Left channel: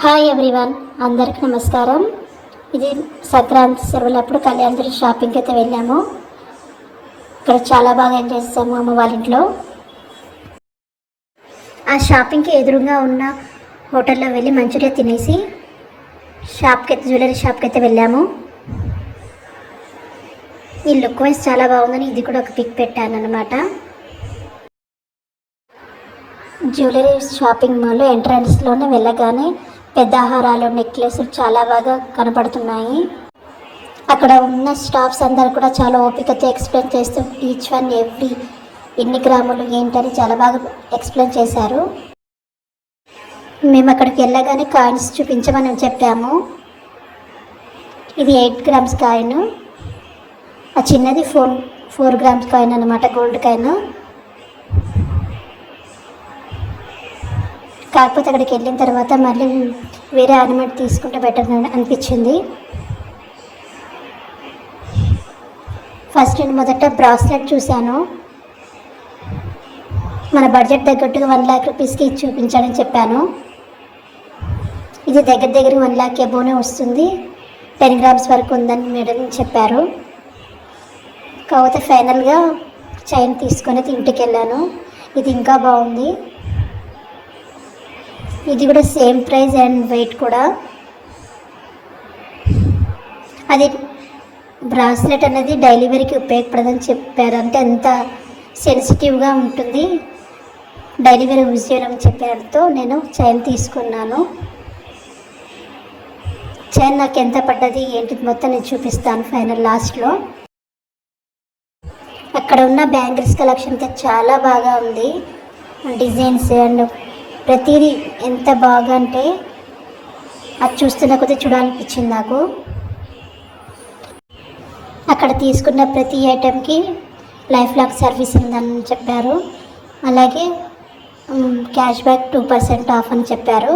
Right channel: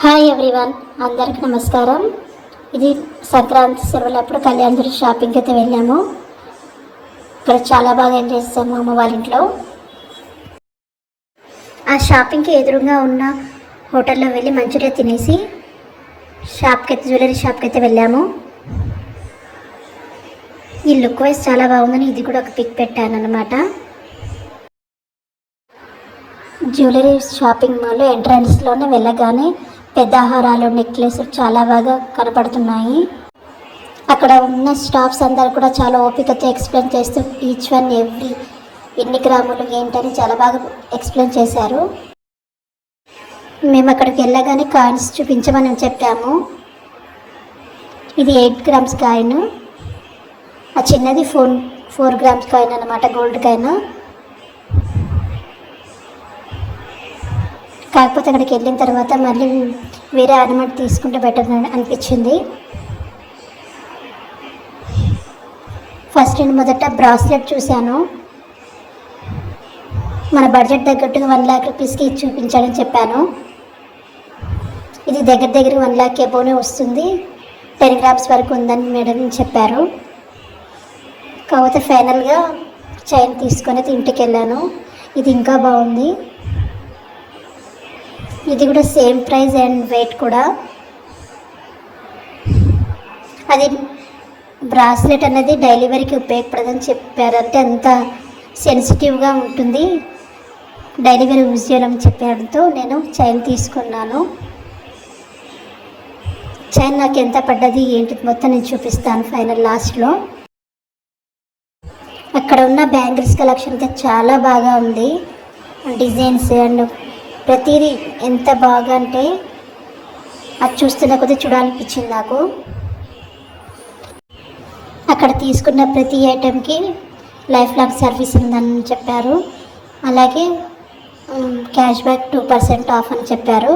Hi everyone అందరికి నమస్కారం. ఇది సంక్రాంతి సెలవులప్పుడు కళ్యాణ్ షాపింగ్కి అయితే వెళ్ళాము. ఇక్కడ చాలా బాగా ఎంజాయ్ చేసాము అమ్మ వాళ్ళ ఇంట్లో. ఆ షాపింగ్కి ఎదురుగా ఉన్న హోటల్లో వెళ్ళి మంచిగా తినేసి షాప్కి అయితే జ్యువెలరీ షాప్కి అయితే వెళ్ళాము. ఈ లుక్ వైజ్ చాలా బాగుందని ఇది కూడా ఒక పిక్ పెట్టాను అనమాట జ్యువెలరీ షాపింగ్ మాల్ ఎంట్రన్స్లోనే వెళ్ళగానే పెద్ద హారాలు నెక్లెస్ చాలా బాగా కనపడుతున్నాయి. అక్కడ ఉన్న స్టాఫ్స్ అందరు కూడా చాలా ఓపికతో ఎక్స్ప్లెయిన్ చేస్తూ ఈచ్ వన్ ఎవ్రీ ఎన్ని గ్రాములు ఏంటని చాలా బాగా ఎక్స్ప్లెయిన్ చేశారు. మేము అక్కడికి వెళ్ళగానే కాయిన్స్ చూపించమని చెప్పాము. ఇది ఎయిట్ గ్రామ్స్ కాయిన్. ఆ చిన్నది ఫోర్ ఫోర్ గ్రామ్స్ కాయిన్ అనమాట గోల్డ్ కాయిన్. కాకపోతే అక్కడికి వెళ్ళిన తర్వాత మళ్ళీ వేరే ఆర్నమెంట్ తీసుకుంటే బెటర్ అనిపించింది. ఫస్ట్ నేను మొదట బ్రాస్లెట్ చూశాను. మన బడ్జెట్ తగ్గట్టుగా వన్ ల్యాక్ రూపీస్కి చూపించాలని చెప్పాను. ఇది దగ్గర దగ్గర వన్ ల్యాక్ ఎబోనే వస్తుంది. టెన్ గ్రామ్స్ వరకు ఉందని మేడం చెప్పారు. కాకపోతే ఫైనల్గా చైన్ తీసుకొని ఇంటికి వెళ్ళాను ఇది ఇంకా బాగుంది. ఇది కూడా సేమ్ ప్రైస్ అండ్ వెయిట్ కూడా. అది బ్రాస్లెట్ అనేది డెలివరీకి ఉపయోగపడదని చెప్పారు అంటే అంత సెన్సిటివ్గా ఉంటుంది. డెలివరీ యూజ్ చేయడం చెప్పడంతో నేను చైన్ తీసుకున్నాను. చైన్ నాకు ఎంత పడ్డది ఏంటి మొత్తం నేను చూపిస్తాను ఫైనల్ లాస్ట్లో. అక్కడ ఉన్న బ్యాంగిల్స్ కలెక్షన్ అయితే చాలా బాగా ఉంది. డిజైన్స్ అండ్ ప్రతిదీ ఎంత బాగా అంటే అది చూస్తున్న కొద్దీ చూడాలనిపించింది నాకు. అక్కడ తీసుకున్న ప్రతి ఐటెంకి లైఫ్ లాంగ్ సర్వీస్ ఉందని చెప్పారు. అలాగే cash back two percent off అని చెప్పారు.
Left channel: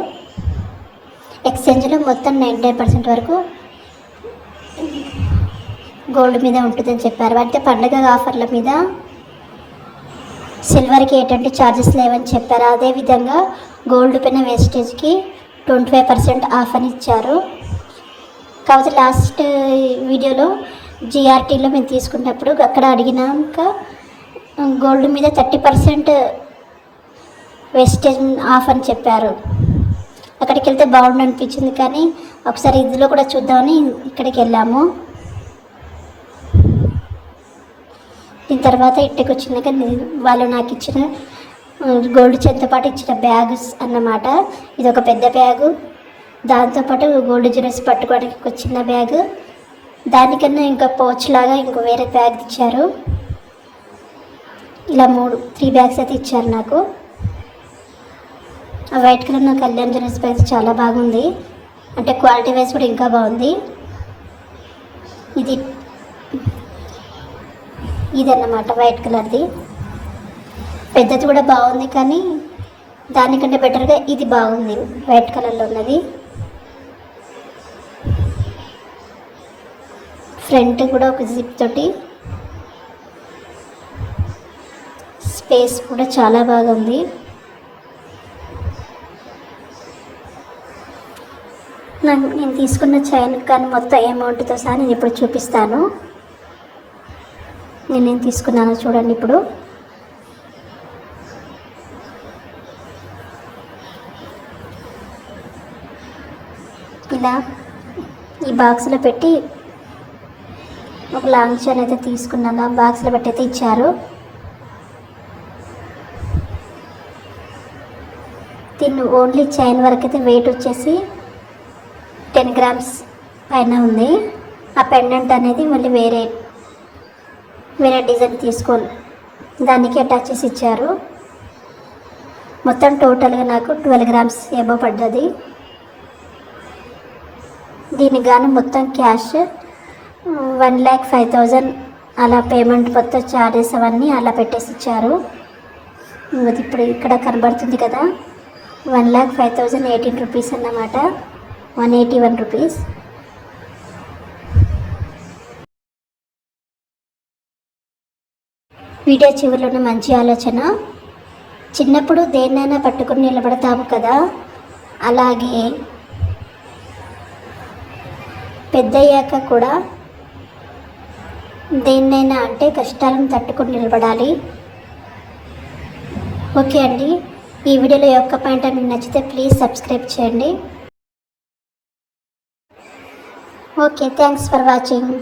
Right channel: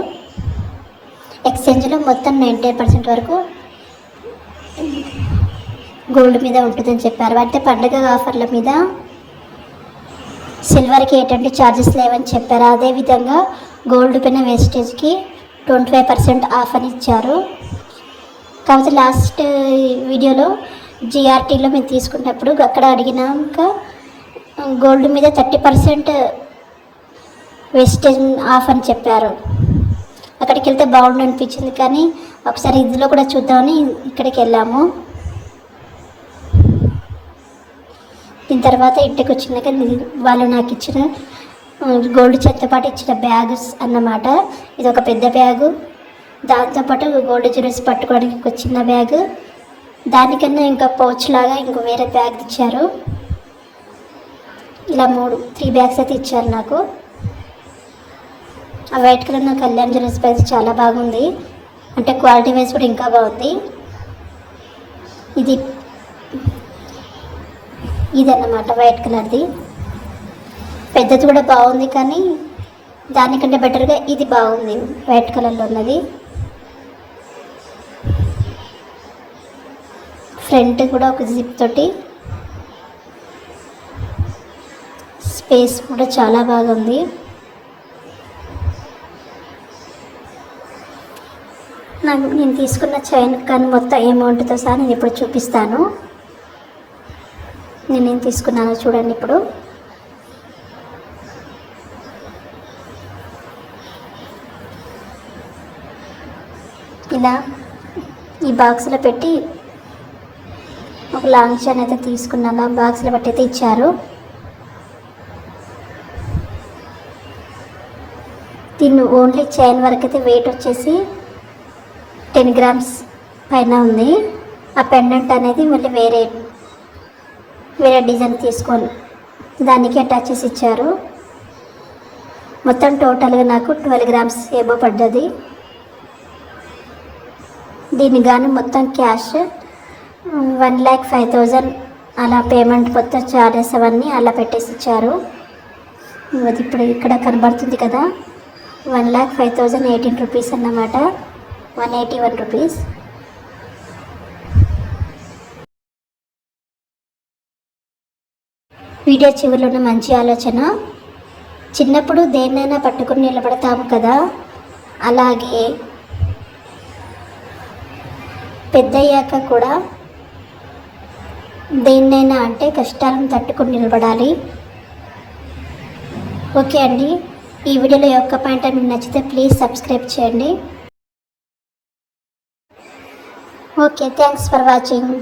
ఎక్స్చేంజ్లో మొత్తం నైంటీ పర్సెంట్ వరకు గోల్డ్ మీద ఉంటుందని చెప్పారు. అంటే పండుగ ఆఫర్ల మీద సిల్వర్కి ఎటువంటి ఛార్జెస్ లేవని చెప్పారు. అదేవిధంగా గోల్డ్ పైన వేస్టేజ్కి ట్వంటీ ఫైవ్ పర్సెంట్ ఆఫ్ అని ఇచ్చారు. కాకపోతే లాస్ట్ వీడియోలో జిఆర్టీలో మేము తీసుకున్నప్పుడు అక్కడ అడిగినాక గోల్డ్ మీద థర్టీ పర్సెంట్ వేస్టేజ్ ఆఫ్ అని చెప్పారు. అక్కడికి వెళ్తే బాగుండు అనిపించింది కానీ ఒకసారి ఇందులో కూడా చూద్దామని ఇక్కడికి వెళ్ళాము. దీని తర్వాత ఇంటికి వచ్చినాక వాళ్ళు నాకు ఇచ్చిన గోల్డ్ చెత్త పాటు ఇచ్చిన బ్యాగ్స్ అన్నమాట. ఇది ఒక పెద్ద బ్యాగు. దాంతోపాటు గోల్డ్ జ్యూరస్ పట్టుకోవడానికి ఒక చిన్న బ్యాగ్. దానికన్నా ఇంకా పౌచ్ లాగా ఇంకో వేరే బ్యాగ్ ఇచ్చారు ఇలా మూడు త్రీ బ్యాగ్స్ అయితే ఇచ్చారు నాకు. ఆ వైట్ కలర్ నా కళ్యాణ్ జ్యూస్ బ్యాగ్ చాలా బాగుంది. అంటే క్వాలిటీ వైజ్ కూడా ఇంకా బాగుంది. ఇది ఇదన్నమాట వైట్ కలర్ది పెద్దది కూడా బాగుంది కానీ దానికంటే బెటర్గా ఇది బాగుంది వైట్ కలర్లో ఉన్నది. ఫ్రంట్ కూడా ఒక జిప్ తోటి. స్పేస్ కూడా చాలా బాగుంది. నాకు నేను తీసుకున్న చైన్ కానీ మొత్తం అమౌంట్తో సహా నేను ఇప్పుడు చూపిస్తాను. నేనేం తీసుకున్నానో చూడండి ఇప్పుడు. ఇలా ఈ బాక్స్లో పెట్టి ఒక లాంగ్ చైన్ అయితే తీసుకున్నాను. ఆ బాక్స్లో పెట్టి అయితే ఇచ్చారు. దీన్ని ఓన్లీ చైన్ వరకు అయితే వెయిట్ వచ్చేసి టెన్ గ్రామ్స్ పైన ఉంది. ఆ పెండెంట్ అనేది మళ్ళీ వేరే వేరే డిజైన్ తీసుకొని దానికి అటాచెస్ ఇచ్చారు. మొత్తం టోటల్గా నాకు ట్వెల్వ్ గ్రామ్స్ ఏబో పడ్డది. దీనికి గాను మొత్తం cash one lakh five thousand అలా పేమెంట్ మొత్తం చార్జెస్ అవన్నీ అలా పెట్టేసి ఇచ్చారు. అది ఇప్పుడు ఇక్కడ కనబడుతుంది కదా. One lakh five thousand eighteen rupees అన్నమాట. One eighty one rupees video చివరిలో మంచి ఆలోచన. చిన్నప్పుడు దేన్నైనా పట్టుకుని నిలబడతాము కదా. అలాగే పెద్దయ్యాక కూడా దేన్నైనా అంటే కష్టాలను తట్టుకుని నిలబడాలి. ఓకే అండి. ఈ వీడియోలో యొక్క పాయింట్ మీకు నచ్చితే ప్లీజ్ సబ్స్క్రైబ్ చేయండి. Okay thanks for watching.